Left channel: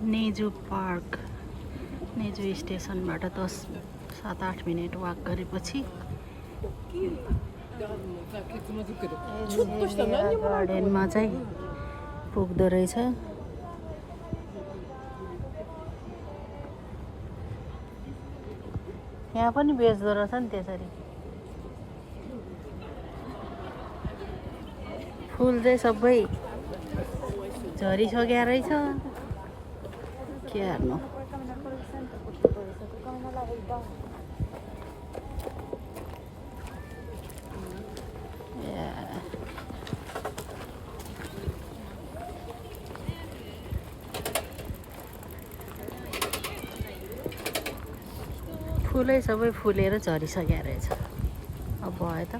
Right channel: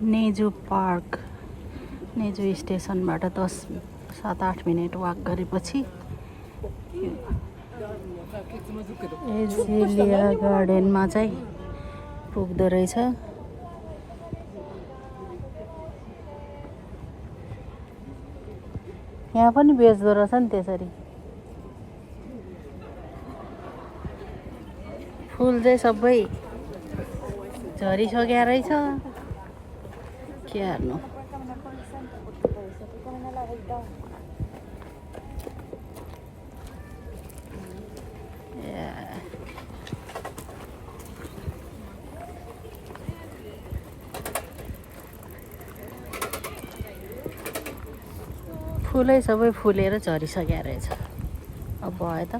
नेजु park नेजु स्टेसनबाट 7-8 minute walk गरेपछि azalea गार्डनमा चाहिँ पुग्दो रहेछ। यहाँ पनि बेच्दो रहेछ नि त्यसरी। फुल चाहिँ सबै झरिसक्या रहेछ। के हार्नु। फुलै सबै फुलेर झरिसक्या रहेछ। अब भयो त।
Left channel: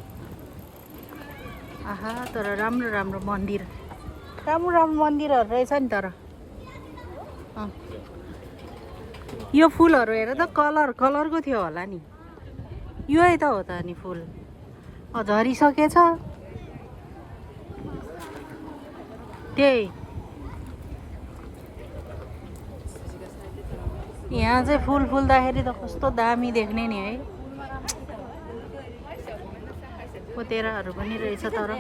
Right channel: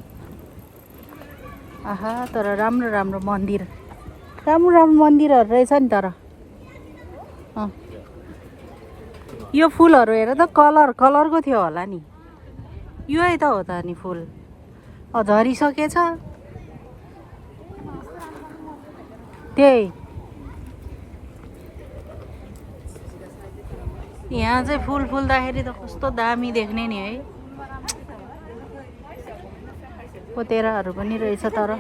आहा तर राम्रो राम्रो मन्दिरहरू रहेछ नि। तर यो फुलहरू हेर त कलरको थियो होला नि। यही त हो त नि फुल झरिसकेछ। त्यही यहाँ चाहिँ फुल फुल्दाखेरि त कस्तो दामी देख्ने नि है। ओतेराहरू पनि रहेछ तर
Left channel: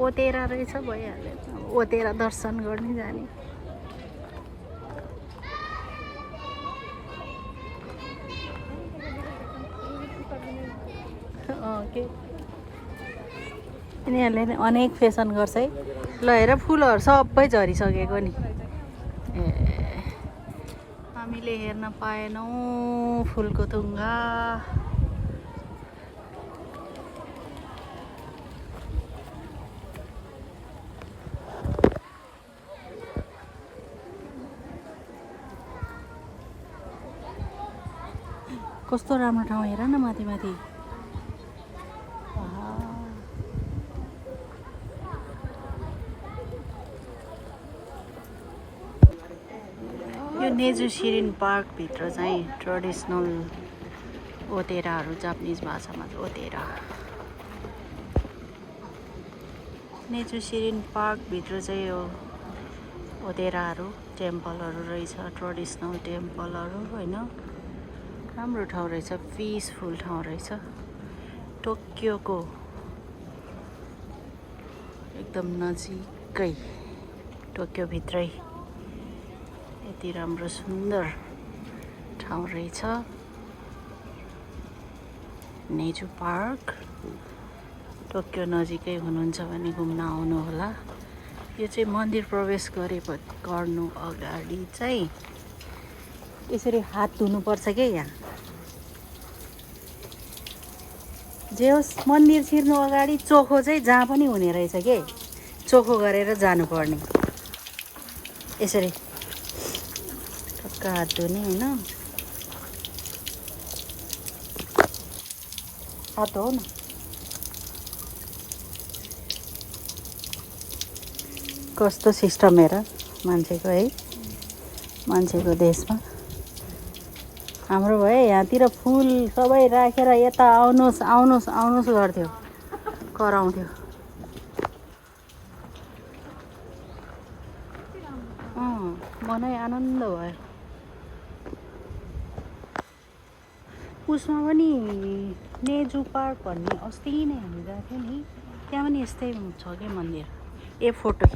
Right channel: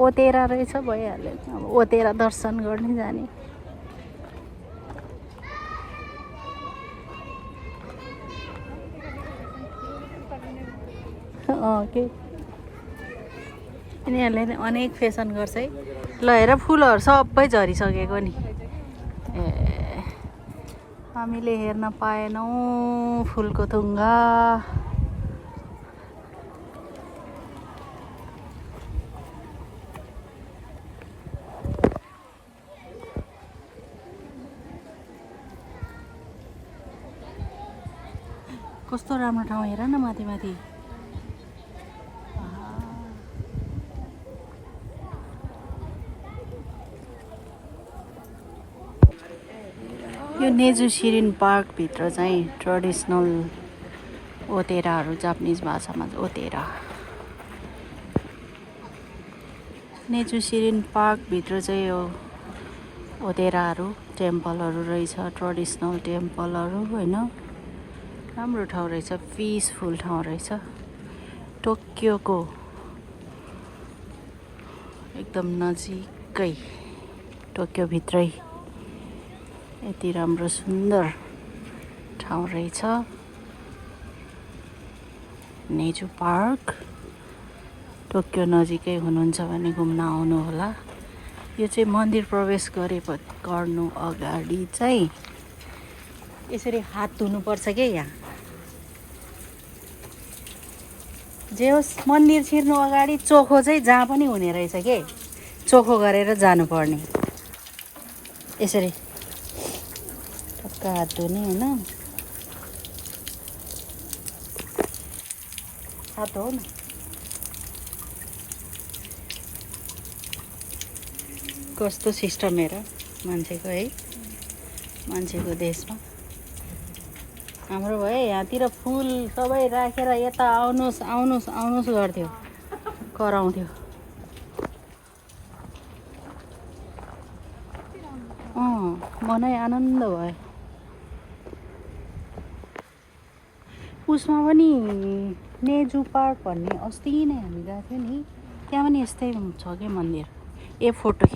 ओतेरा रहेछ भइहाल्यो। अब ओतेरा दर्शन गर्ने जाने। के यिनीहरूले अनेक फेसन गर्छ है। ल हेर फुलहरू सबै झरिसकेको नि। ए हामीले हेर्न पाएनौँ फुलको थुङ्गा। कस्तो राम्रो ठाउँ हेर न माथि माथि। यो नेजु सिरिन पार्कभित्र चाहिँ ट्रेडिसनल ओतेराहरू जापानिज भाषामा ओतेरा। नेजु सिरिन पार्कभित्र चाहिँ यो ओतेराहरू टेम्पलहरू रहेछ। ट्रेडिसनल टेम्पलहरू होइन। राम्रो ठाउँ रहेछ। पिसफुल ठाउँ रहेछ। टोकियोको एकदम नजिकै टोकियोभित्रै यति राम्रो सुन्दर ठाउँ रहेछ नेजु पार्क। टोकियो नजिकै हुनुहुन्छ भने घुम्न आउनुहोला। यो चाहिँ मन्दिर प्रवेश गर्नु अगाडि चाहिँ यसरी हात धुनुपर्छ के। यहाँ जे होस् मन्दिर छिर्नु अगाडि चोखो चाहिँ जहाँ पनि हुने रहेछ के। चोखो गरेर जानुपर्ने। यसरी टक्क हात धुने होइन। हात हो न। कस्तो सिस्टम हेर मान्छेको है। मान्छेको देशमा हाम्रो भए यहाँतिर फुल सबै राखेर यता आउनुहोस् गर्थ्यो। कराउँथ्यो। मनै आनन्द भयो। उसमा पनि नेजु पार्क भन्ने अस्ति नै हामी गएको थियौँ नि। त्यहाँ पनि यस्तै छ क्या मन्दिर। ए फोटो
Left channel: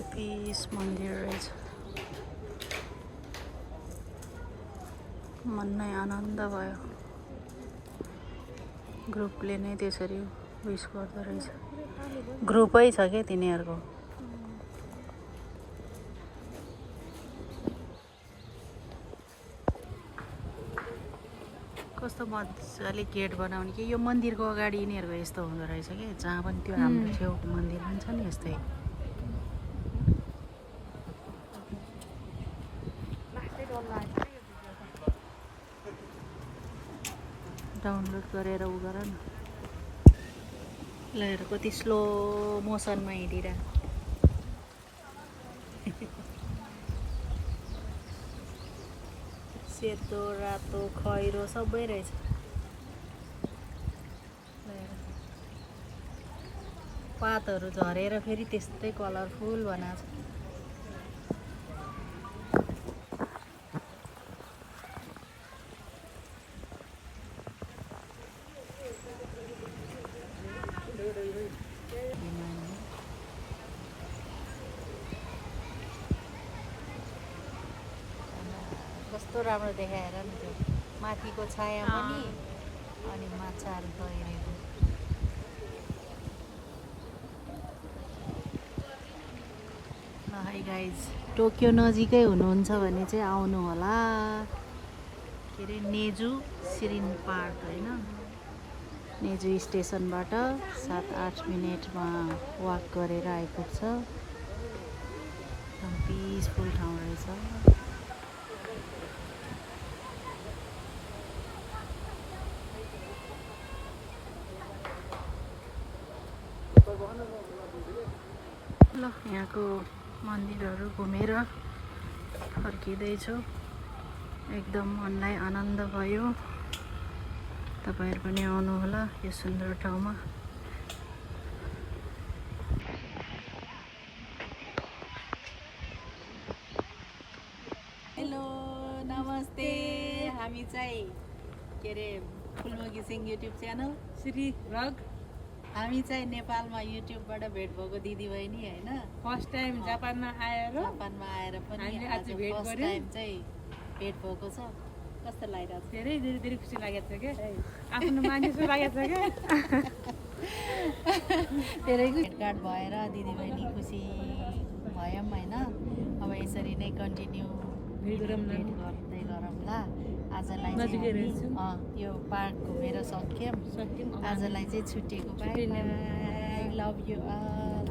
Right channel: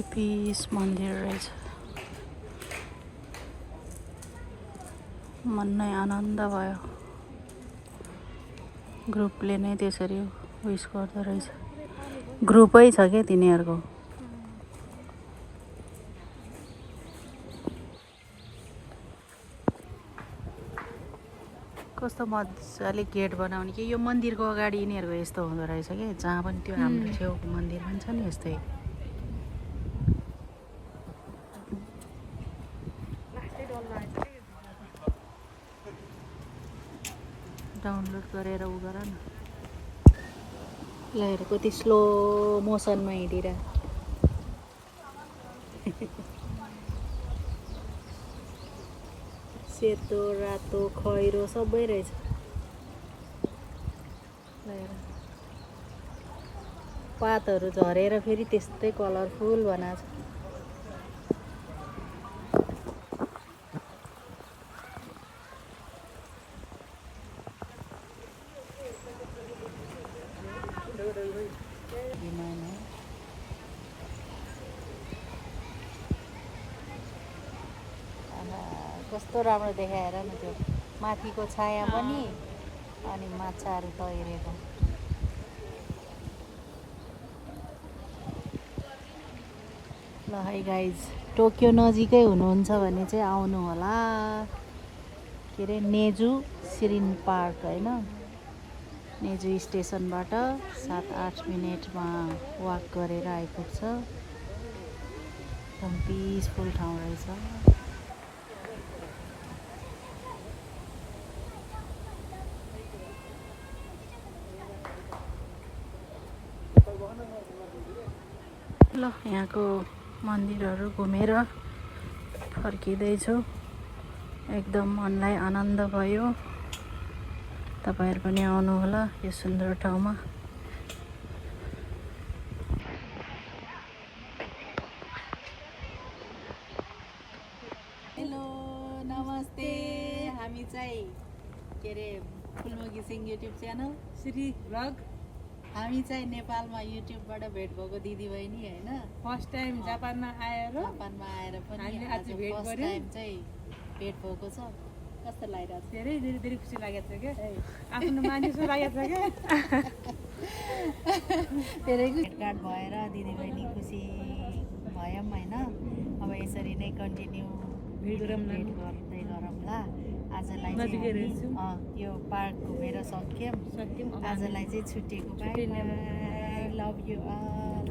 कति पिस मन्दिर रहेछ। मन नै आनन्द भयो। ग्रुपले नै त्यसरी विश गर्दो रहेछ। ग्रुपै छ क्या तिनीहरूको। कस्तो मजाले गेट बनाउने कि। यो मन्दिरको अगाडि यिनीहरूको यस्तो हुँदो रहेछ कि। जहाँ पनि त्यो हाम्रो छेउको मन्दिर पनि छ नि यस्तै। डाउनलोड गरेर उ गर न। ल हेर कति स्लो मोसनमा हिँडिरह सेतो रातो खैरो सबै रहेछ पातहरू झरेर फेरि त्यस्तै कलरफुल बनाएको छ कस्तो राम्रो देखाएर न त्यो माथिको छाया पनि अनि माछाहरू तैरेको ल है गाइज टोकियो नजिकै हुनुहुन्छ भने चाहिँ आउनु होला के अरे नेजु सिरिन पार्क होइन नेजु स्टेसनबाट 7-8 मिनटमा वाक गरेर आइपुग्छ एकदम पिसफुल ठाउँ रहेछ ल यहाँको मन्दिरहरू घुमेर फर्किँदैछु एकदम मनलाई आनन्द भयो तपाईहरु पनि आउनु होला यो सुन्दर ठाउँमा हेलो नमस्ते हामी चाहिँ के अरे फुलमकी Singh YouTube channel Shri vlog हामी चाहिँ नेपालमा युट्युबबाट भेट भएको दिदीबहिनी हैन फर्स्ट टाइम जापानमा आएर पनि हामीले आज भेट फर्स्ट गर्यौं टाइम चाहिँ भेट भएको छ कस्तो लागिरहेको छ धेरै धेरै धेरै खुसी लागेको छ के आफ्नो मान्छे जस्तो लागेको छ के धेरै भेटघाट भएर दिदीबहिनी खुसी भयौँ हैन अब यसरी नै कन्टिन्यू भेट गर्दै गरौँला आजलाई चाहिँ यो पार्क घुमेर सक्यौं आजलाई चाहिँ छुट्टिएको bye bye love you all